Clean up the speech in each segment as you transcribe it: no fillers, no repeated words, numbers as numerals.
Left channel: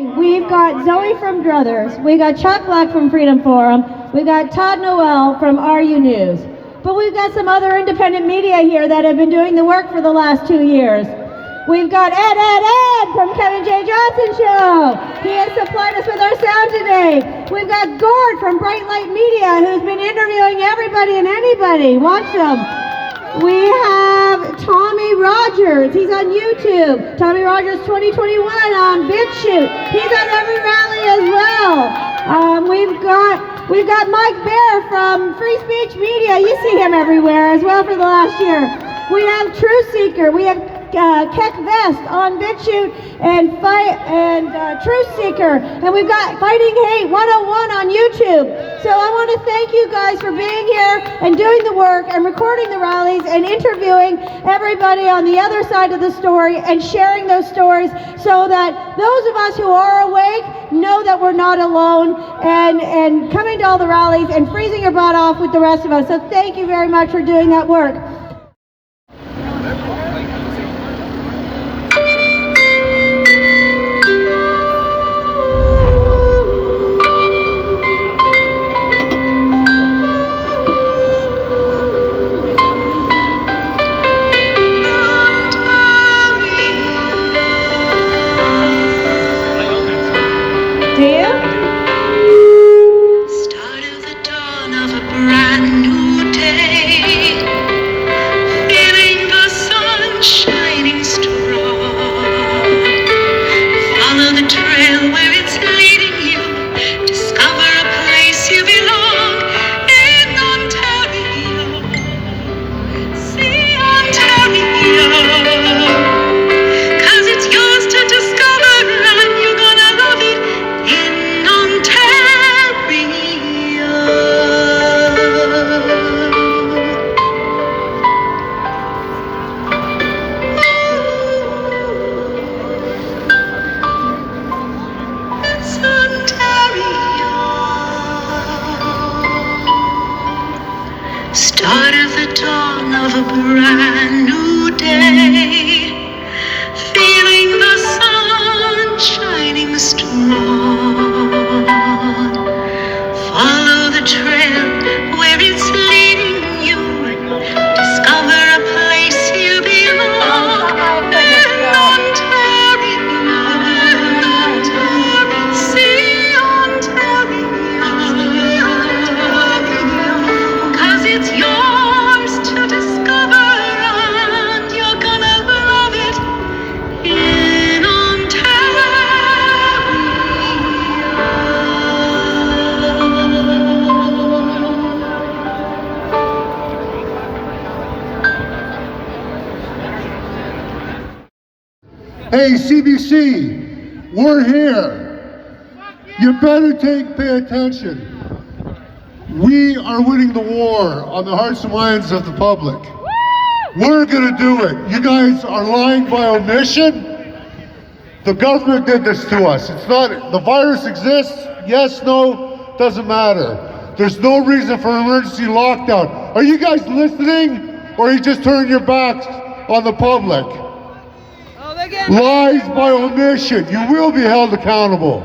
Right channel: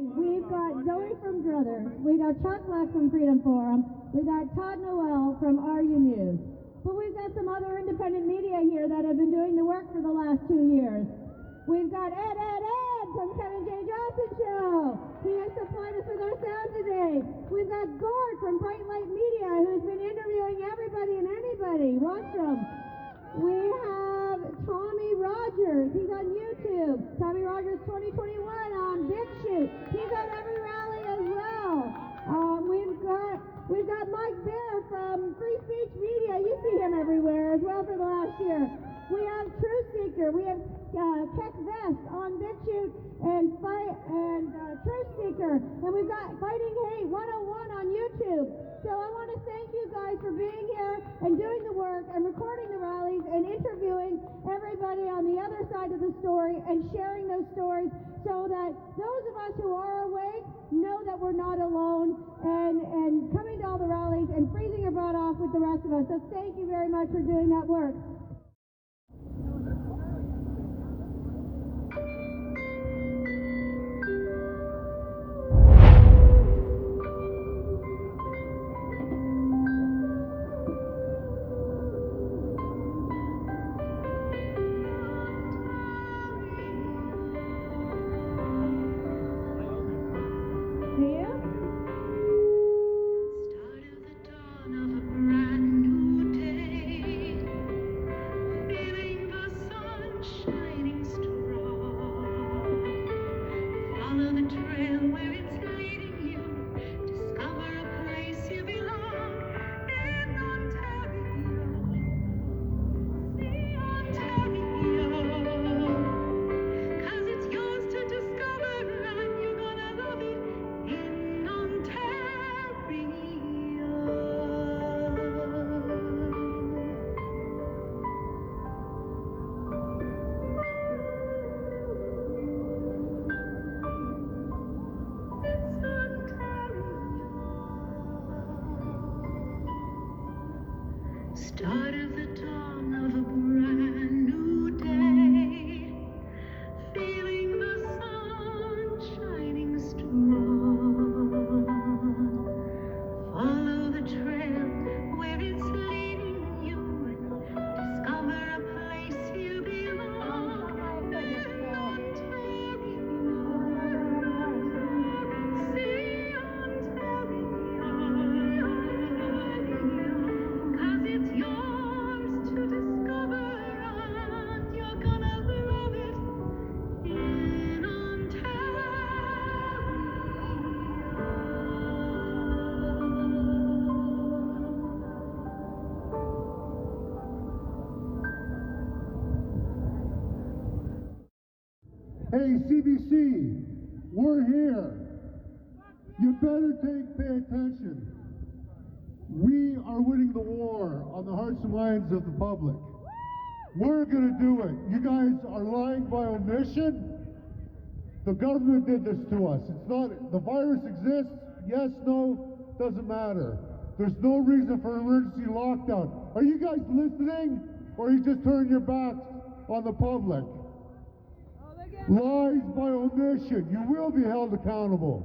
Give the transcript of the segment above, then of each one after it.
We've got Zoe from Druthers, we got Chuck Black from Freedom Forum, we got Todd Noel from RU News. But we've got some other independent media here that have been doing the work for the last 2 years. We've got Ed from Kevin J Johnston Show. He has supplied us with our sound today. We've got Gord from Bright Light Media, who's been interviewing everybody and anybody. Watch them. We have Tommy Rodgers. He's on YouTube. Tommy Rodgers 2021 on BitChute. He's on every rally as well. We've got Mike Bear from Free Speech Media. You see him everywhere as well for the last year. We have Truth Seeker. We have Keck Vest on BitChute and Truth Seeker, and we've got Fighting Hate 101 on YouTube. So I want to thank you guys for being here and doing the work and recording the rallies and interviewing everybody on the other side of the story and sharing those stories so that those of us who are awake know that we're not alone and coming to all the rallies and freezing your butt off with the rest of us. So thank you very much for doing that work. Start of the dawn of a brand new day, feeling the sun shining strong. Follow the trail where it's leading you, discover a place you belong. In Ontario, see Ontario. It's yours to discover, and you're gonna love it in Ontario. Hey, CBC, we're here. You better pay attention. We are winning the war on the hearts and minds of the public. We're gonna do it. You guys are lying by omission. The government did this to us. It's not, the virus exists, yes, no, doesn't matter. There's no reason for emergency lockdown. Are you guys listening, or are you just turning your backs on the public? Lies by omission. You will be held accountable.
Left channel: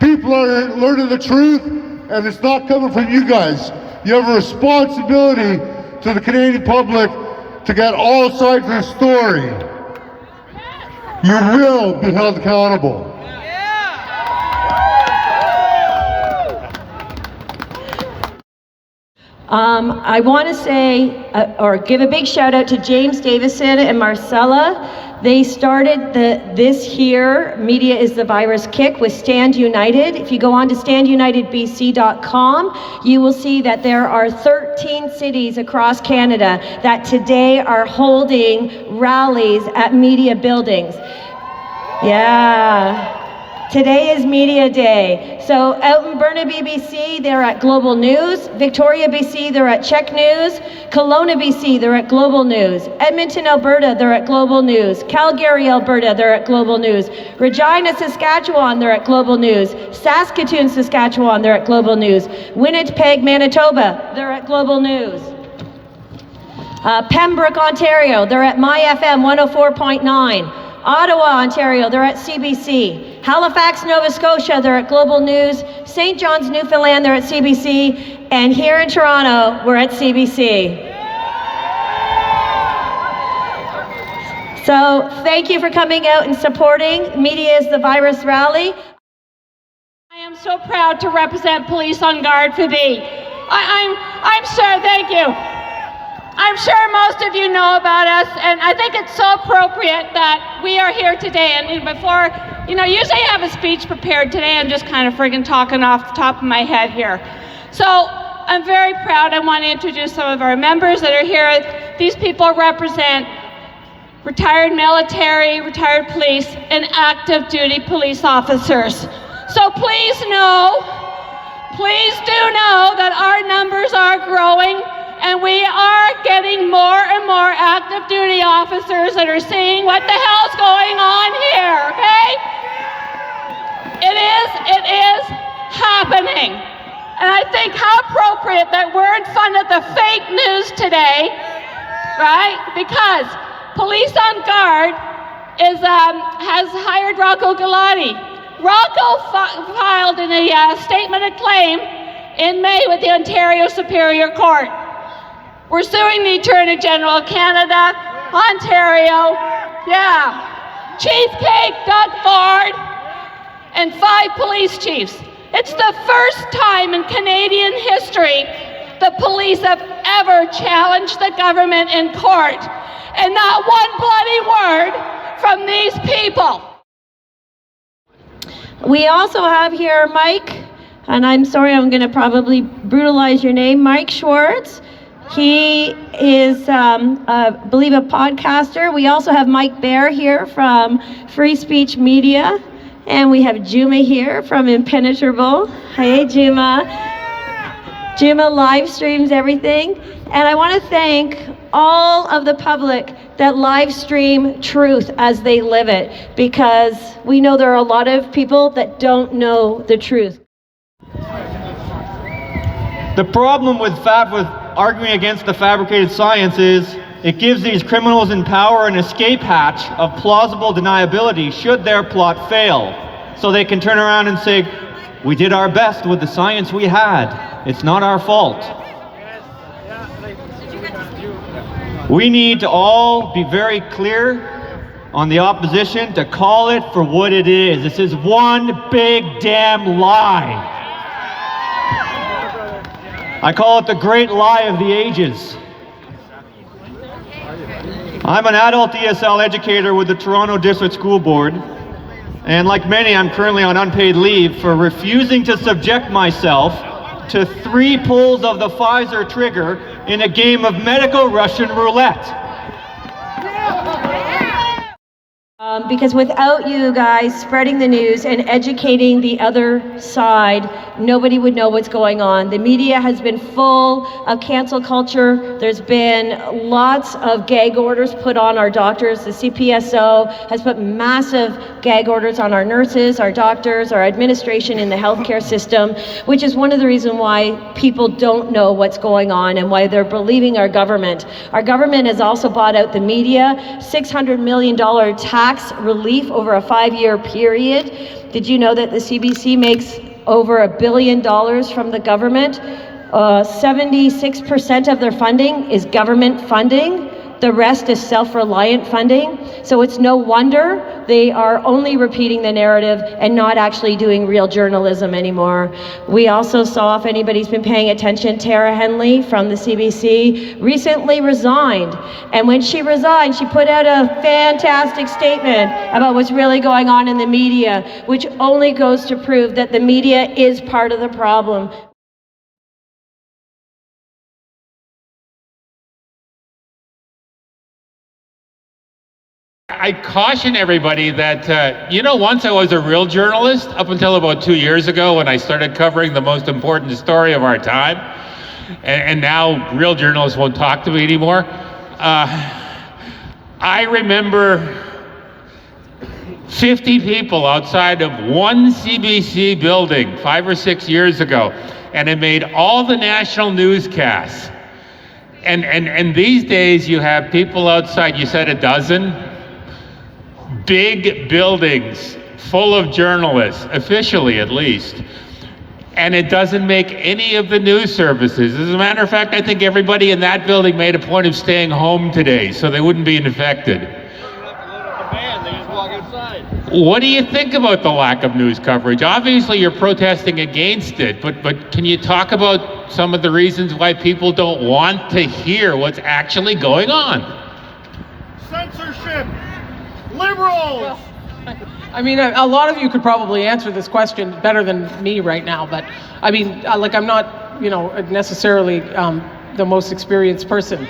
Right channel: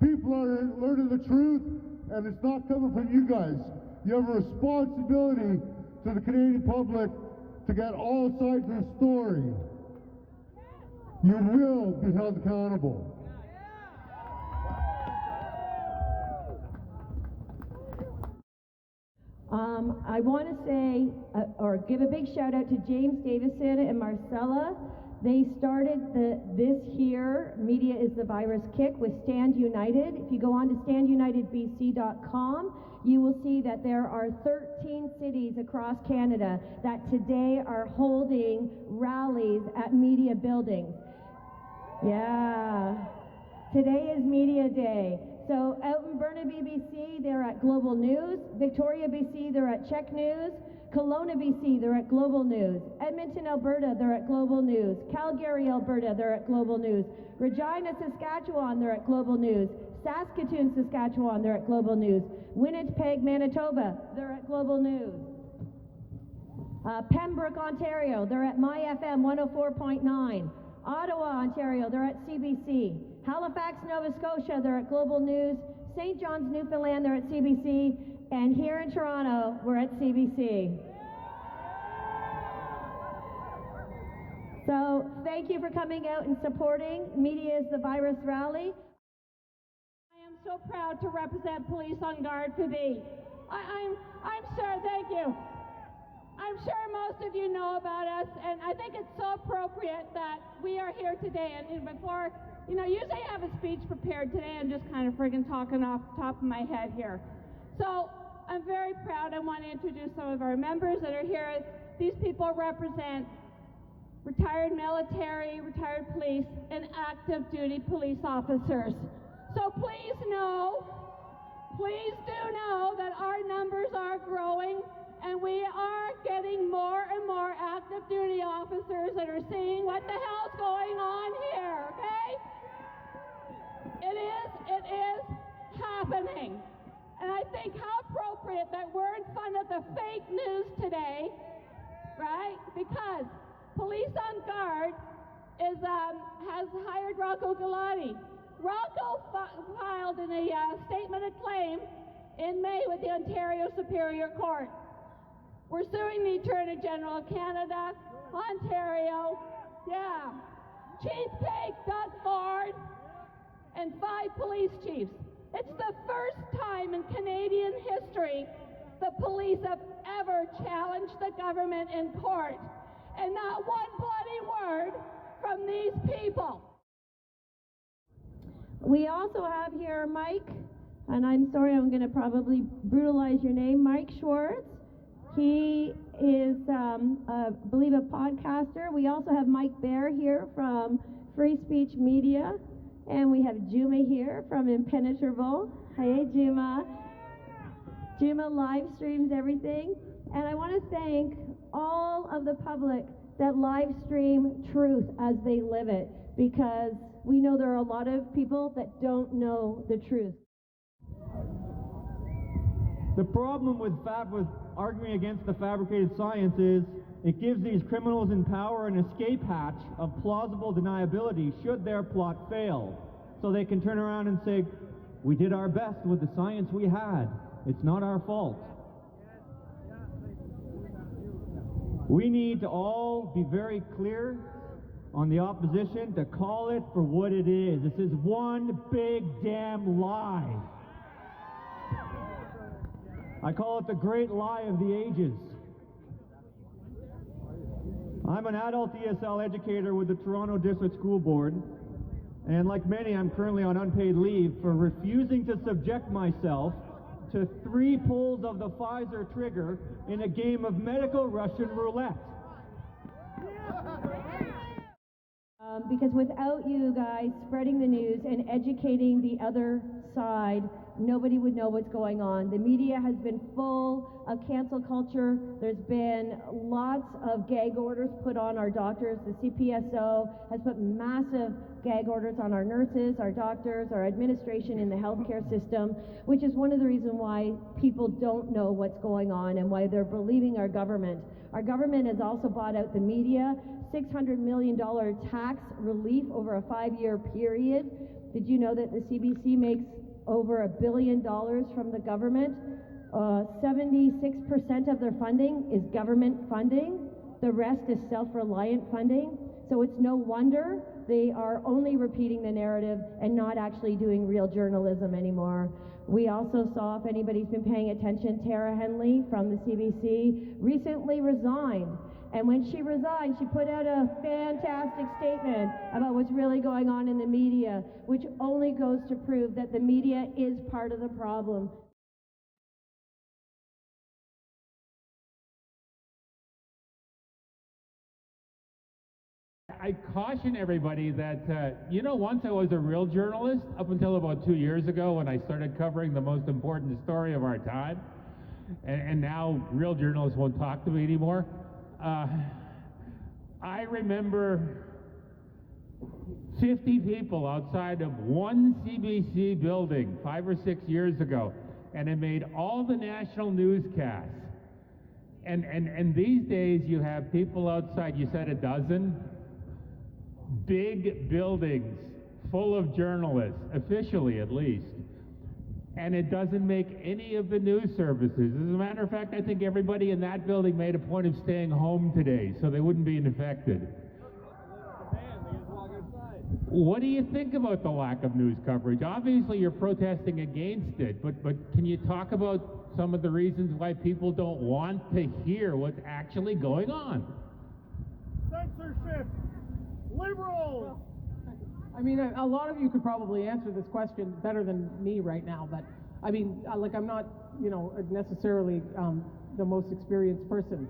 People are learning the truth, and it's not coming from you guys. You have a responsibility to the Canadian public to get all sides of the story. You will be held accountable. I want to say, or give a big shout out to James Davison and Marcella. They started this here, Media is the Virus Kick, with Stand United. If you go on to standunitedbc.com, you will see that there are 13 cities across Canada that today are holding rallies at media buildings. Yeah. Today is Media Day. So out in Burnaby, BC, they're at Global News. Victoria, BC, they're at Check News. Kelowna, BC, they're at Global News. Edmonton, Alberta, they're at Global News. Calgary, Alberta, they're at Global News. Regina, Saskatchewan, they're at Global News. Saskatoon, Saskatchewan, they're at Global News. Winnipeg, Manitoba, they're at Global News. Pembroke, Ontario, they're at MyFM 104.9. Ottawa, Ontario, they're at CBC. Halifax, Nova Scotia, they're at Global News. St. John's, Newfoundland, they're at CBC. And here in Toronto, we're at CBC. So thank you for coming out and supporting Media is the Virus rally. I am so proud to represent Police on Guard for thee. I'm sure, thank you. I'm sure most of you know about us, and I think it's so appropriate that we are here today. And before, usually I have a speech prepared. Today I'm just kind of friggin' talking off the top of my head here. So I'm very proud. I want to introduce some of our members that are here. These people represent retired military, retired police, and active duty police officers. So please do know that our numbers are growing, and we are getting more and more active duty officers that are seeing what the hell's going on here, okay? It is happening. And I think how appropriate that we're in front of the fake news today, right? Because Police on Guard has hired Rocco Galati. Rocco filed in a statement of claim in May with the Ontario Superior Court. We're suing the Attorney General of Canada, Ontario, Chief Cake, Doug Ford, and 5 police chiefs. It's the first time in Canadian history the police have ever challenged the government in court. And not one bloody word from these people. We also have here Mike, and I'm sorry, I'm going to probably brutalize your name, Mike Schwartz. He is, I believe, a podcaster. We also have Mike Bear here from Free Speech Media, and we have Juma here from Impenetrable. Hey, Juma. Juma live streams everything. And I want to thank all of the public that live stream truth as they live it, because we know there are a lot of people that don't know the truth. The problem with arguing against the fabricated science is it gives these criminals in power an escape hatch of plausible deniability should their plot fail. So they can turn around and say, we did our best with the science we had. It's not our fault. We need to all be very clear on the opposition to call it for what it is. This is one big damn lie. I call it the great lie of the ages. I'm an adult ESL educator with the Toronto District School Board, and like many, I'm currently on unpaid leave for refusing to subject myself to 3 pulls of the Pfizer trigger in a game of medical Russian roulette. Because without you guys spreading the news and educating the other side, nobody would know what's going on. The media has been full of cancel culture. There's been lots of gag orders put on our doctors. The CPSO has put massive gag orders on our nurses, our doctors, our administration in the healthcare system, which is one of the reasons why people don't know what's going on and why they're believing our government. Our government has also bought out the media, $600 million tax relief over a 5-year period. Did you know that the CBC makes over $1 billion from the government? 76% of their funding is government funding. The rest is self-reliant funding. So it's no wonder they are only repeating the narrative and not actually doing real journalism anymore. We also saw, if anybody's been paying attention, Tara Henley from the CBC recently resigned. And when she resigned, she put out a fantastic statement about what's really going on in the media, which only goes to prove that the media is part of the problem. I caution everybody that, once I was a real journalist, up until about 2 years ago when I started covering the most important story of our time, and now real journalists won't talk to me anymore. I remember 50 people outside of one CBC building 5 or 6 years ago, and it made all the national newscasts. And these days you have people outside, you said a dozen? big buildings full of journalists, officially at least, and it doesn't make any of the news services. As a matter of fact, I think everybody in that building made a point of staying home today so they wouldn't be infected. What do you think about the lack of news coverage? Obviously, you're protesting against it, but can you talk about some of the reasons why people don't want to hear what's actually going on? Censorship! Liberals! I mean, a lot of you could probably answer this question better than me right now, but I mean, like, I'm not, you know, necessarily the most experienced person.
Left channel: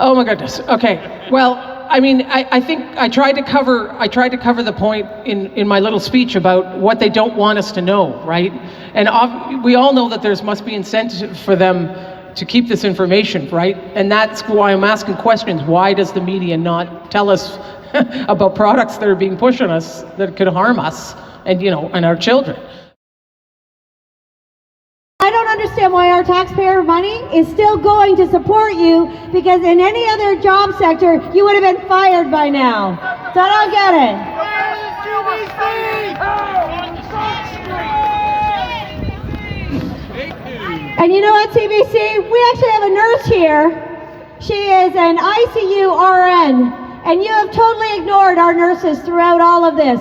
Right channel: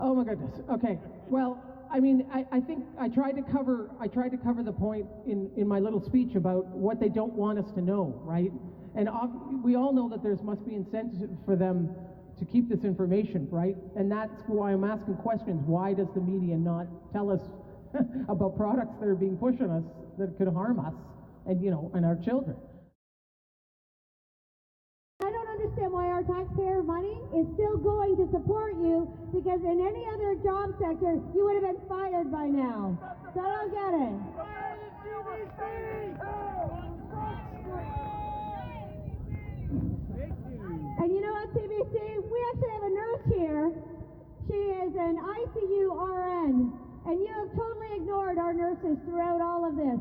Oh my goodness. Okay. Well, I mean, I think I tried to cover the point in my little speech about what they don't want us to know, right? And we all know that there must be incentive for them to keep this information, right? And that's why I'm asking questions. Why does the media not tell us about products that are being pushed on us that could harm us and, you know, and our children? I don't understand why our taxpayer money is still going to support you, because in any other job sector, you would have been fired by now. So I don't get it. And you know what, CBC? We actually have a nurse here. She is an ICU RN, and you have totally ignored our nurses throughout all of this.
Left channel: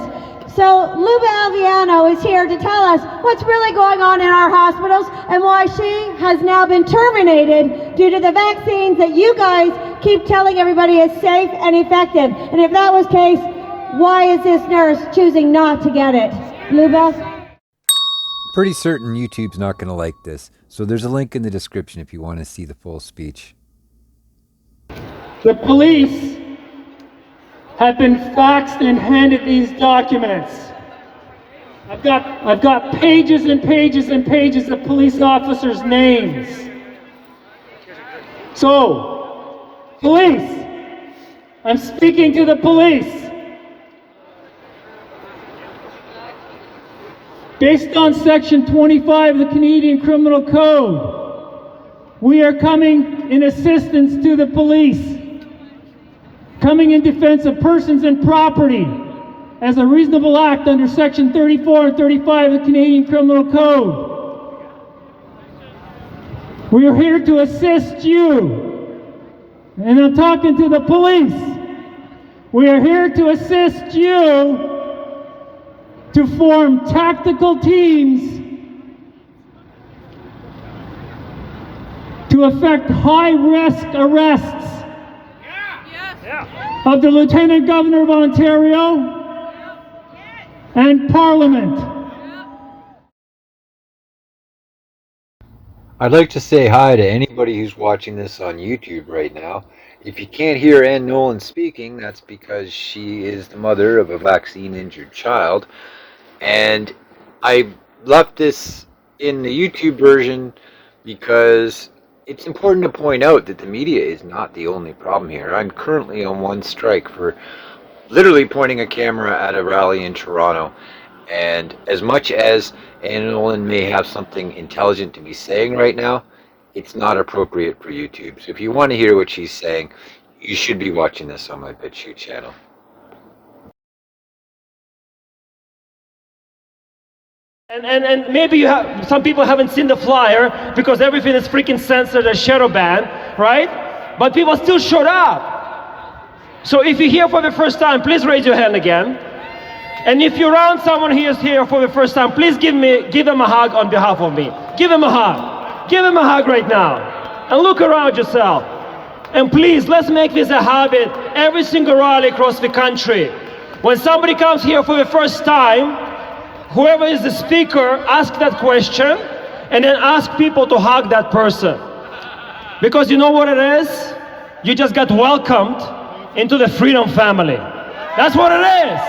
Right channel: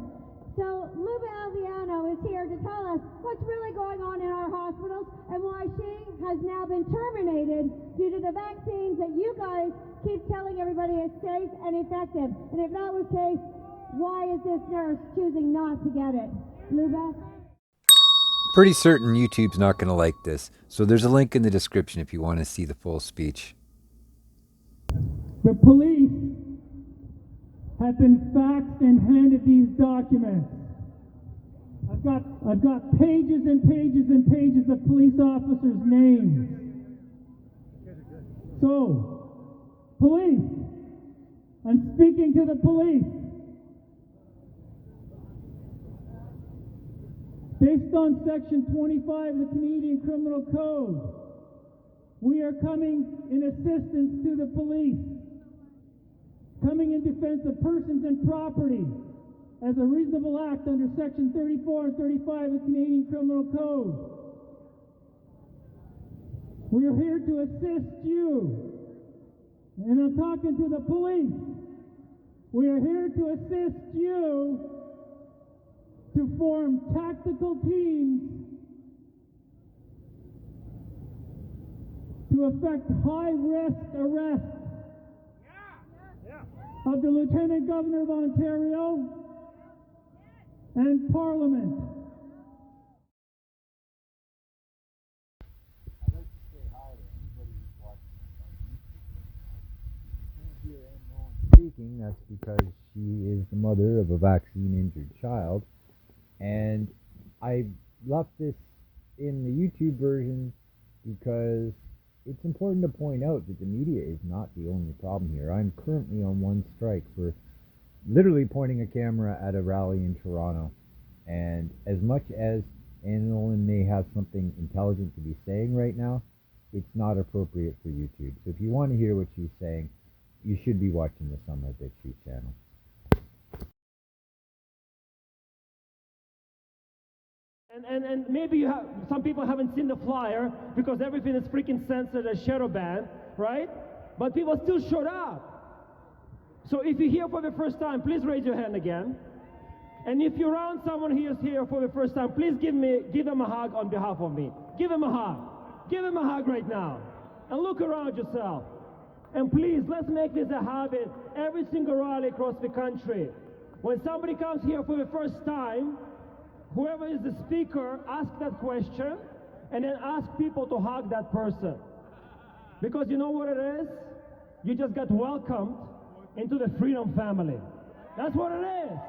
So Luba Alviano is here to tell us what's really going on in our hospitals and why she has now been terminated due to the vaccines that you guys keep telling everybody is safe and effective. And if that was the case, why is this nurse choosing not to get it? Luba? Pretty certain YouTube's not going to like this, so there's a link in the description if you want to see the full speech. The police have been faxed and handed these documents. I've got pages and pages and pages of police officers' names. So, police, I'm speaking to the police. Based on Section 25 of the Canadian Criminal Code, we are coming in assistance to the police, coming in defense of persons and property as a reasonable act under Section 34 and 35 of the Canadian Criminal Code. We are here to assist you, and I'm talking to the police. We are here to assist you to form tactical teams to effect high-risk arrests of the Lieutenant Governor of Ontario and Parliament. I'd like to say hi to anybody who's watching this on YouTube right now. If you can't hear NOLAN speaking, that's because she is the mother of a vaccine-injured child. And I left this in the YouTube version because it's important to point out that the media is not the only problem here. I'm currently on one strike for literally pointing a camera at a rally in Toronto. And as much as NOLAN may have something intelligent to be saying right now, it's not appropriate for YouTube. So if you want to hear what she's saying, you should be watching this on my BitChute channel. And maybe some people haven't seen the flyer because everything is freaking censored and shadow banned, right? But people still showed up. So if you're here for the first time, please raise your hand again. And if you're around someone who is here for the first time, please give them a hug on behalf of me. Give them a hug. Give them a hug right now. And look around yourself. And please, let's make this a habit every single rally across the country. When somebody comes here for the first time, whoever is the speaker, ask that question, and then ask people to hug that person. Because you know what it is? You just got welcomed into the freedom family. That's what it is.